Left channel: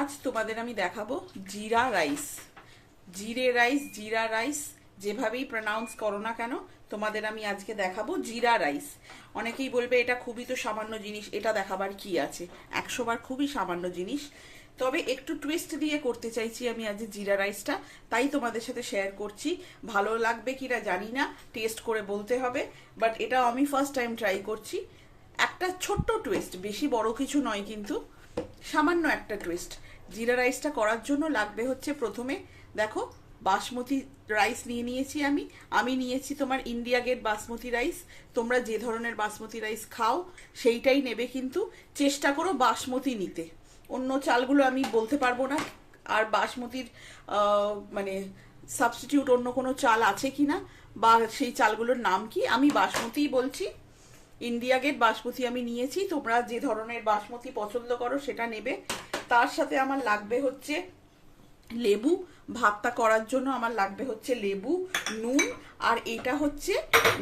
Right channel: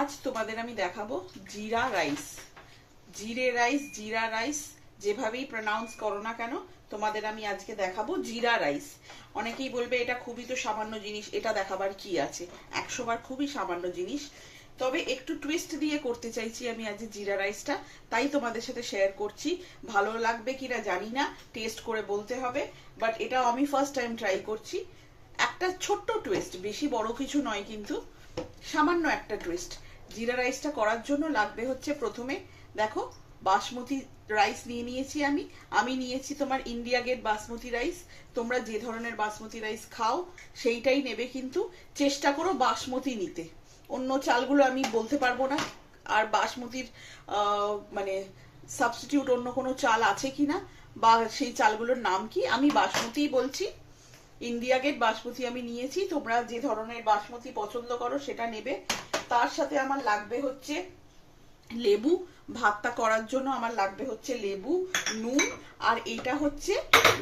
আজ তোমাদের আমি দেখাবো জিরা রাইস। জিরা রাইস যেভাবেই প্রনাউন্স করো না কেন, তোমাদের আমি আজকে দেখাবো জিরা রাইস। অনেকেই বলবে এটা খুবই তো সামান্য জিনিস, এটা দেখাবার কি আছে? 100 বার খুবই সামান্য জিনিস, তবে একটু টুইস্ট দিয়ে করতে চাইছি আমি আজ জিরা রাইসটা, তাই তোমাদের সাথে শেয়ার করছি। ভালো লাগবে কিনা জানি না, টেস্ট করে বলতে হবে, বাট এটা আমি ফার্স্ট টাইম ট্রাই করছি। একটা ছোট্ট টুইস্ট, বেশি বড় কিছু নয়, কিন্তু সামান্য একটা টুইস্ট। জিরা রাইসটা করার জন্য লাগবে হচ্ছে, প্রথমে দেখো বাসমতি রাইস নিয়েছি আমি নিয়েছি তোমার ইন্ডিয়া গেট বাসমতি রাইস। তোমরা যে ধরনের বাসমতি রাইস খাও সেইটাই নেবে, কিন্তু চেষ্টা করো বাসমতি নিতে। অন্য চালগুলো আমি বলতে পারবো না, আর বাসমতির মানে সাবস্টিটিউট অন্য কোনো চাল আছে কিনা বা সেই চালগুলোর নাম কি, আমি বাসমতিই বলছি। ইন্ডিয়া গেট বাসমতি আমি নিয়েছি, তোমরা যে ধরনের বাসমতি পছন্দ করো সেটা নেবে। তার সাথে আমার লাগবে হচ্ছে লেবু, ভাতটা করার জন্য আমার লাগবে হচ্ছে লেবু, নুন, আর এটা হচ্ছে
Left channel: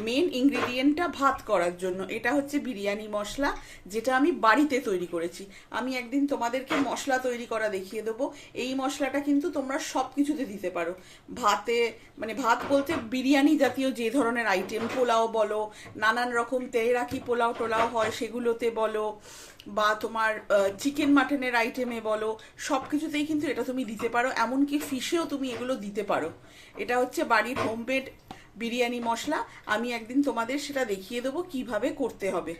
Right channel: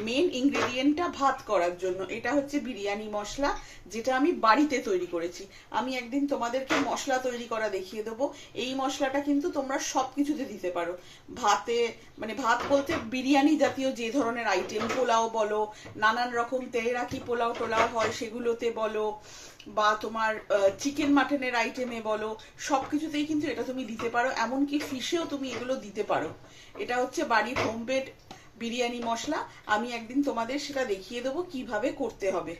মেন ইনগ্রেডিয়েন্টটা ভাত করার জন্য, এটা হচ্ছে বিরিয়ানি মশলা, যেটা আমি বাড়িতে তৈরি করেছি। আমি একদিন তোমাদেরকে মশলা তৈরি করা দেখিয়ে দেবো। এই মশলাটা কিন্তু তোমরা সবকিছুতে দিতে পারো, ভাতে, মানে ভাত বলতে বিরিয়ানি জাতীয় যে ধরনের আইটেম, পোলাও বলো, নানান রকম তেহরাকি পোলাও টোলাও হয় সেগুলোতে বলো, বা তোমার চিকেন মাটনের আইটেমে বলো, সবকিছুতেই কিন্তু এটা তুমি দিতে পারো। এমনকি ফিশেও তুমি এগুলো দিতে পারো। এটা হচ্ছে বাড়ির হোমমেড বিরিয়ানি মশলা। আমি একদিন তোমাদের সেটা দেখিয়ে দেবো কিভাবে করতে হবে।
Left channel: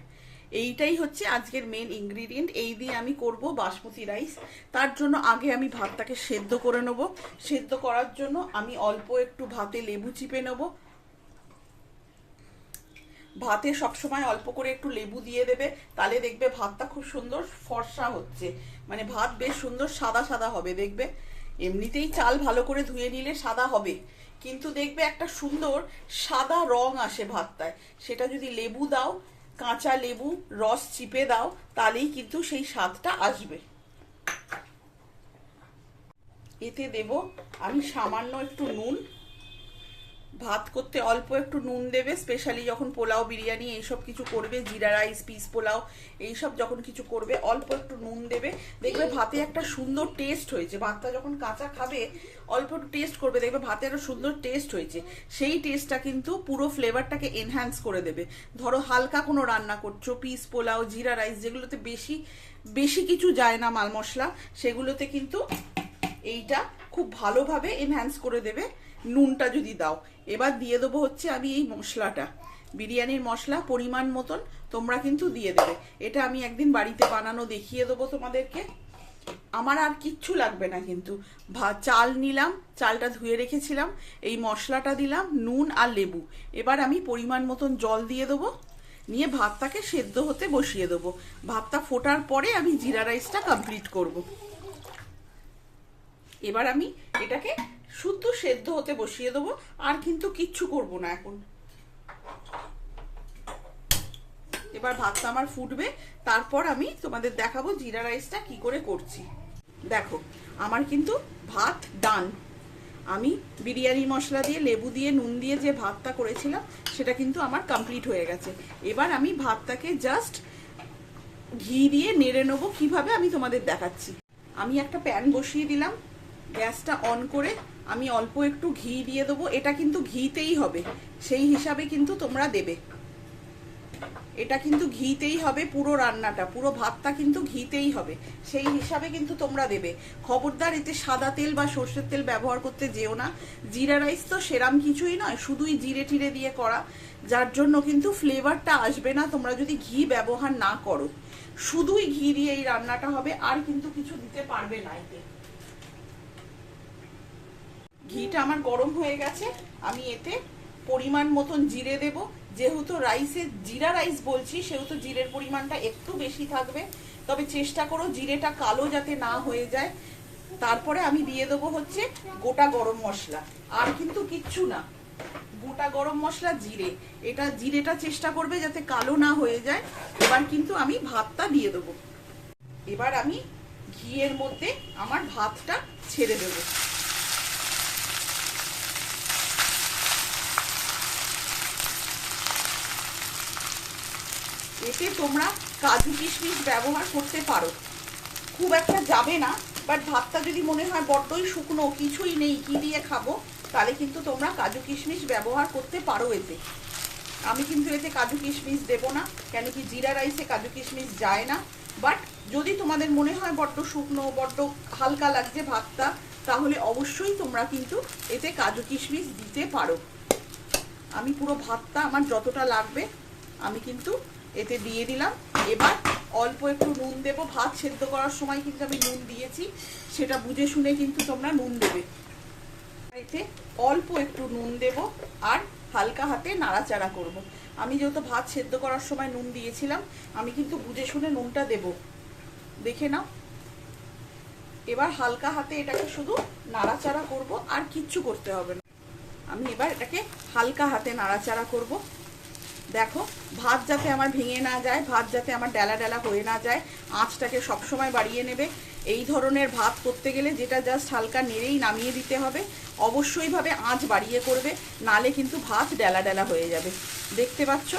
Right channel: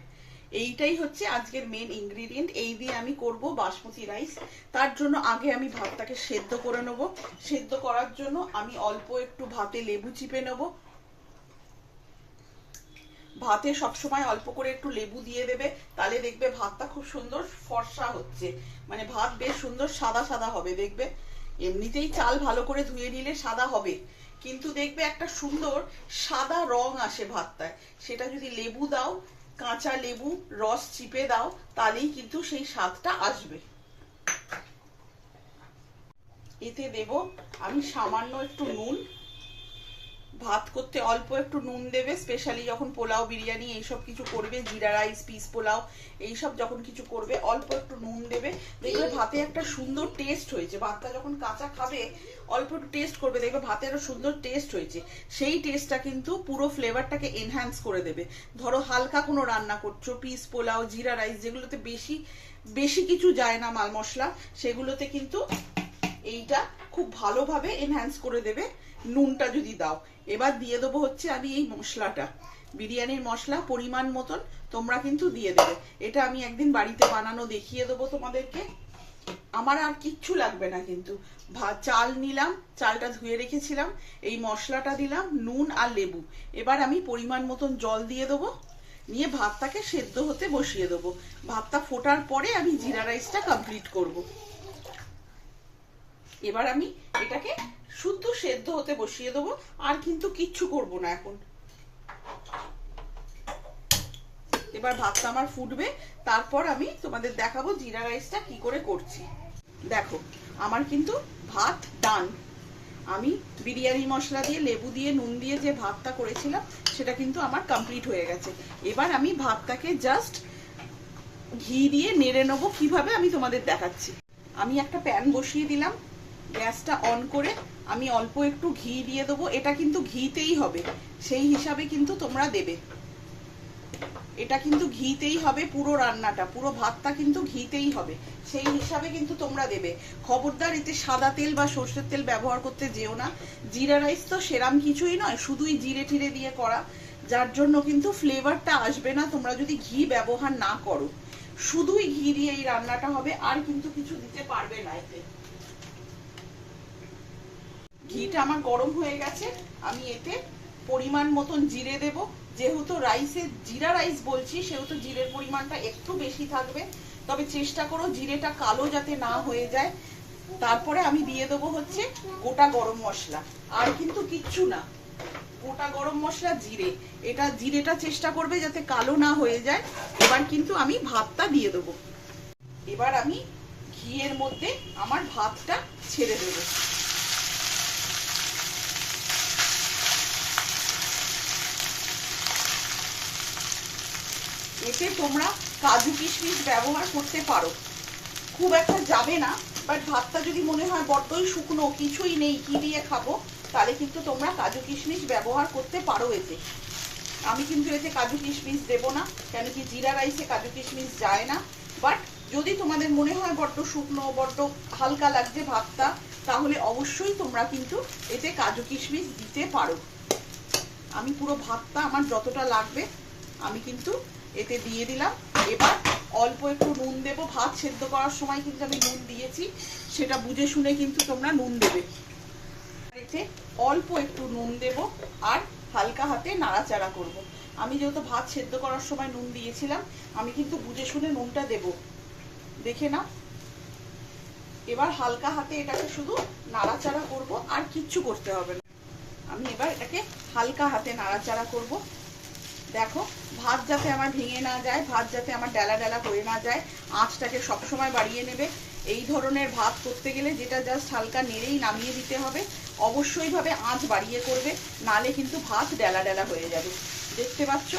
এইটাই হচ্ছে আজকের মেন ইনগ্রিডিয়েন্ট। এই দিয়ে আমি করব বাসমতি রাইস। তার জন্য আগে আমি ভাতটাকে সেদ্ধ করে নেব। সেদ্ধ করার জন্য আমি অল্প একটু ভাতে লেবু চিপে নেব। ভাতে সবসময় অল্প করে একটু লেবু দিয়ে দেবে, তাহলে দেখবে ভাতটা খুব সুন্দর ফর্সা হচ্ছে, মানে ভাত বেশ সুন্দর সাদা সাদা হবে। দেখবে এমনিতেই চাল ভালো করে ধুয়ে নিলে সাদা হবে, কিন্তু দেখবে একটা সুন্দর সাদা রং আসে ভাতটায়। সেটা যদি লেবু দাও, কাঁচা লেবু রস চিপে দাও, তাহলেই কিন্তু সেই স্বাদটা আসবে। এতে দেব আমি সামান্য একটু নুন। ভাত করতে অল্প একটু নুন দেবে, স্পেশালি যখন পোলাও বিরিয়ানি এইসব কিছু করবে, জিরা রাইস, পিস পোলাও এইসব যখন কিছু করবে, অল্প একটু নুন দেবে। দেখবে ভাতে একটা সুন্দর টেস্ট হয়েছে। ভাতটা যখন কাঁচা খাবে অল্প একটু টেস্ট করবে, দেখবে ভাতে একটা সুন্দর টেস্ট হয়েছে। সেই টেস্টটা কিন্তু পুরো ফ্লেভারটাকে এনহ্যান্স করে দেবে। ধরো হালকা কোনো রান্না করছো, পিস পোলাও, জিরা রাইস, যেগুলোতে বেশি বেশি কিছু যায় না মাল মশলা, সেগুলোতে কিন্তু এইটা খুব ভালোভাবে এনহ্যান্স করে দেবে নুনটা যদি দাও। এবার দিয়ে দেবো হচ্ছে আমি এই মশলাটা, বিরিয়ানির মশলা পরিমাণ মতন তোমরা কিন্তু দিয়ে দেবে। এটা আমি একদিন বাড়িতে বানানো দেখিয়ে দেবো তোমাদেরকে। আমার আর কিচ্ছু লাগবে না, কিন্তু চাল নিলাম, চালটা ধুয়ে রেখেছিলাম, এই মশলাটা দিলাম, নুন আর লেবু। এবার আমি পরিমাণ মতন জল দিয়ে দেবো, নিয়ে ভাতটাকে সেদ্ধ হতে বসিয়ে দেবো। ভাতটা ফোটার পরে আমি জিরা রাইসটা কমপ্লিট করব। এবার আমি এটাকে শুদ্ধ সেদ্ধ হতে বসিয়ে দেবো, আর কিন্তু কিচ্ছু করব না এখন। এবার ভাতটা আমার ফুটবে, তারপর আমি তোমাদের দেখাবো জিরা রাইসটা কি করে করছি। দেখো আমার কিন্তু ভাত ডান। আমি বিরিয়ানি মশলা দিয়ে, লেবু দিয়ে, নুন দিয়ে যে ভাতটা করেছিলাম সেটা কিন্তু আমার কমপ্লিট হয়ে গেছে। এবার আমি ভাতটাকে জাস্ট ঘি দিয়ে নেড়ে নেবো, কিভাবে আমি তোমাদের দেখাচ্ছি। আমি একটা প্যান বসিয়ে দিলাম, গ্যাসটা অন করে আমি অল্প একটু ঘি দিয়ে দেবো। এটা কিন্তু ঘিতেই হবে, সেই হিসাবে কিন্তু তোমরা দেবে। এটা কিন্তু ঘিতেই হবে, পুরো রান্নাটা, পুরো ভাতটা কিন্তু ঘিতেই হবে, সেই হিসাবে কিন্তু তোমরা দেবে। খবরদার এতে সাদা তেল বা সর্ষের তেল ব্যবহার করতে যেও না। জিরা রাইস তো সেরাম কিছুই নয়, শুধুই জিরে টিরে দিয়ে করা, যার জন্য কিন্তু ফ্লেভারটা আসবে না তোমরা যদি ঘি ব্যবহার না করো। শুধুই ঘি দিয়ে এই রান্নাটা হবে, আর কিন্তু কিছু দিতে পারবে না এতে। ঘিটা আমার গরম হয়ে গেছে, আমি এতে পরিমাণ মতন জিরে দেব। যেহেতু রাইসে জিরা রাইস বলছি, সেহেতু জিরের পরিমাণটা একটু বেশি থাকবে, তবে চেষ্টা করো জিরেটা কালো যাতে না হয়ে যায়। তারপরে আমি দিয়ে দেবো হচ্ছে গোটা গরম মশলা, আর কিন্তু কিচ্ছু না, গোটা গরম মশলা, জিরে। এটা জিরেটা চেষ্টা করবে যাতে কালো না হয়ে যায়। এবার কিন্তু আমি ভাতটা দিয়ে দেবো। এবার আমি ঘিয়ের মধ্যে আমার ভাতটা ছেড়ে দেবো। এতে তোমরা কাজু কিশমিশ ব্যবহার করতে পারো, খুব একটা যাবে না, বাট ভাতটা যদি মনে হয় বড্ডই শুকনো, কিছুই নেই, কি দিয়ে খাবো, তাহলে কিন্তু তোমরা কাজু কিশমিশ ব্যবহার করতে পারো এতে। আমি কিন্তু এতে কাজু কিশমিশ দেবো না, কেন কি জিরা রাইসে কাজু কিশমিশ যায় না। বাট যদি তোমাদের মনে হয় বড্ড শুকনো, বড্ড হালকা লাগছে ভাতটা, তাহলে অবশ্যই তোমরা কিন্তু এতে কাজু কিশমিশ দিতে পারো। আমি পুরো ভাতটা আমার যতটা লাগবে আমি কিন্তু এতে দিয়ে দিলাম। এবার অল্প একটু নুন দেবো, ভাত সেদ্ধ করার সময় কিন্তু আমি নুন দিয়েছি, সেটা বুঝে শুনে কিন্তু তোমরা নুন দেবে। এতে অল্প একটু নুন দেব আর হালকা হাতে নাড়াচাড়া করব। আমি যেহেতু ভাত সেদ্ধ করার সময় নুন দিয়েছিলাম, আমি কিন্তু বুঝে শুনে নুনটা দেব, দেখে নাও। এবার হালকা হাতে এটাকে শুধু নাড়াচাড়া করব, আর কিচ্ছু করতে হবে না। আমি এবার এটাকে হালকা হাতে নাড়াচাড়া করব। দেখো, ভাত যাতে আমার ভেঙে না যায়, ভাত যাতে আমার ডেলা ডেলা হয়ে না যায়, আঁচটাকে সবসময় বাড়িয়ে নেবে। এই ধরনের ভাত করতে গেলে যেটা জাস্ট হালকা নেড়েই নামিয়ে দিতে হবে, অবশ্যই ভাবে আঁচ বাড়িয়ে করবে, নালে কিন্তু ভাত ডেলা ডেলা হয়ে যাবে। দেখতে পাচ্ছ,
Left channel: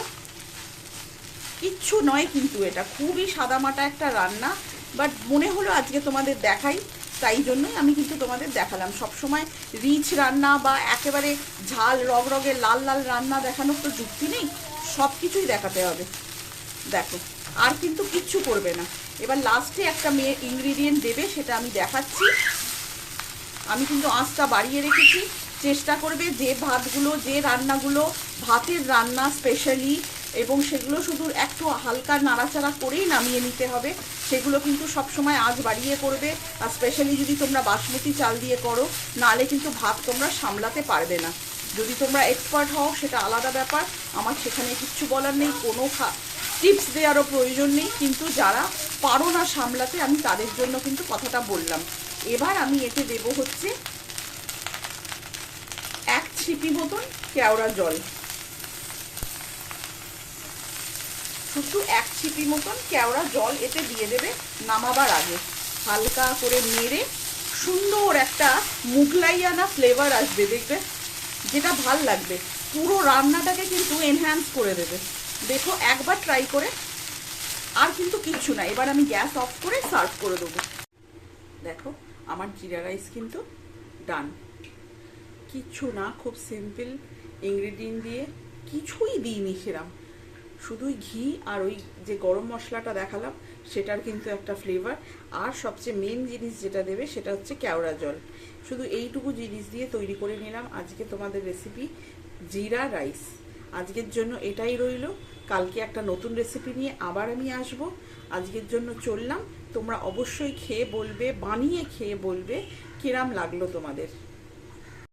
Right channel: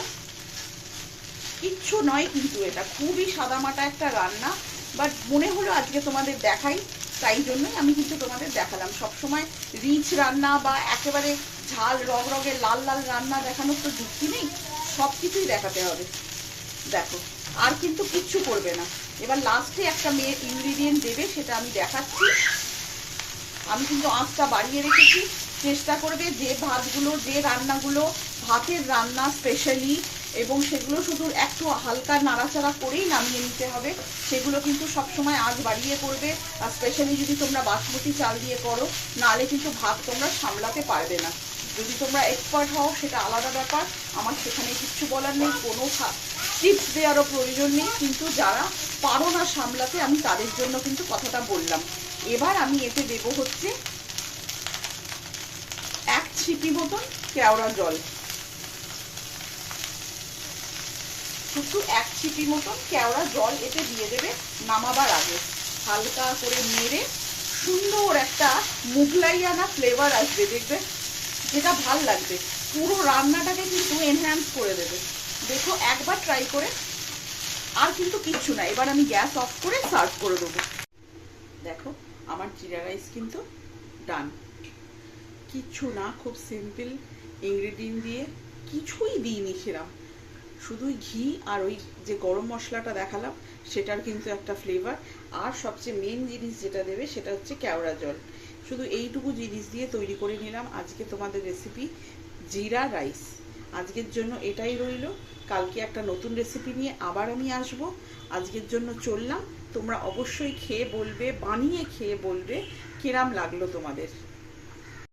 কিচ্ছু নয় কিন্তু, এটা খুবই সাদামাটা একটা রান্না, বাট মনে হলো আজকে তোমাদের দেখাই, তাই জন্যই আমি কিন্তু তোমাদের দেখালাম। সবসময় রিচ রান্না বা একেবারে ঝাল রগরগে লাল লাল রান্না দেখানোর তো যুক্তি নেই, সব কিছুই দেখাতে হবে। দেখো, আর কিন্তু কিচ্ছু করবে না। এবার লাস্টে একটা মেয়ে ইনগ্রিডিয়েন্ট দেবে, সেটা আমি দেখাচ্ছি। আমি কিন্তু আঁচটা বাড়িয়ে রেখেছি। চেষ্টা করবে যে ভাতগুলো, যে রান্নাগুলো ভাতের রান্না স্পেশালি, এবং সেগুলো শুধু একটু হালকা নাড়াচাড়া করেই নামিয়ে নিতে হবে, সেগুলো কিন্তু সবসময় আঁচ বাড়িয়ে করবে। আর স্পেশালি যদি তোমরা বাসমতি চাল দিয়ে করো, নাহলে কিন্তু ভাত তোমরা সামলাতে পারবে না। যদি তোমরা এক্সপার্ট হও সেটা আলাদা ব্যাপার, আমার সেখানে কিচ্ছু বলার নেই, কোনো টিপস দেওয়ারও প্রয়োজন নেই, কিন্তু যারা পারো না সামলাতে, আমি তাদের জন্য কিন্তু কথাটা বললাম। এবার আমি এতে দেব হচ্ছে 1 ছিপি মতন কেওড়া জল, শুধু 1 ছিপি মতন কেওড়া জল এতে দিয়ে দেবে নামাবার আগে। হালকা করে নেড়ে সুন্দর একটা মুগলাইয়ানা ফ্লেভার আসবে, দেখবে, যেটা ভাল লাগবে, পুরো রান্নাটাকে কিন্তু এনহ্যান্স করে দেবে। দেখো, একবার ট্রাই করে, আর কিন্তু কিচ্ছু না। এবার আমি গ্যাস অফ করে সার্ভ করে দেবো। দেখো, আমার জিরা রাইস কিন্তু ডান। কিচ্ছু না, খুব সিম্পল ইনগ্রেডিয়েন্ট দিয়ে, কিছুই দিইনি সেরাম, শুধুই ঘি আর ওই যে গরম মশলাটা দেখালাম সেটার কিন্তু একটা ফ্লেভার। আর সবচেয়ে মেন জিনিস যেটা দেবে সেটা হচ্ছে কেওড়া জল। শুধু এইটুকু জিনিস দিয়ে তৈরি করে নিলাম আজকে তোমাদের রেসিপি জিরা রাইস। আজকের জন্য এটাই রইল, কালকে একটা নতুন রেসিপি নিয়ে আবার আমি আসব। আজকের জন্য চললাম, তোমরা অবশ্যই খেয়ে বলবে, বানিয়ে খেয়ে বলবে কিরাম লাগলো তোমাদের।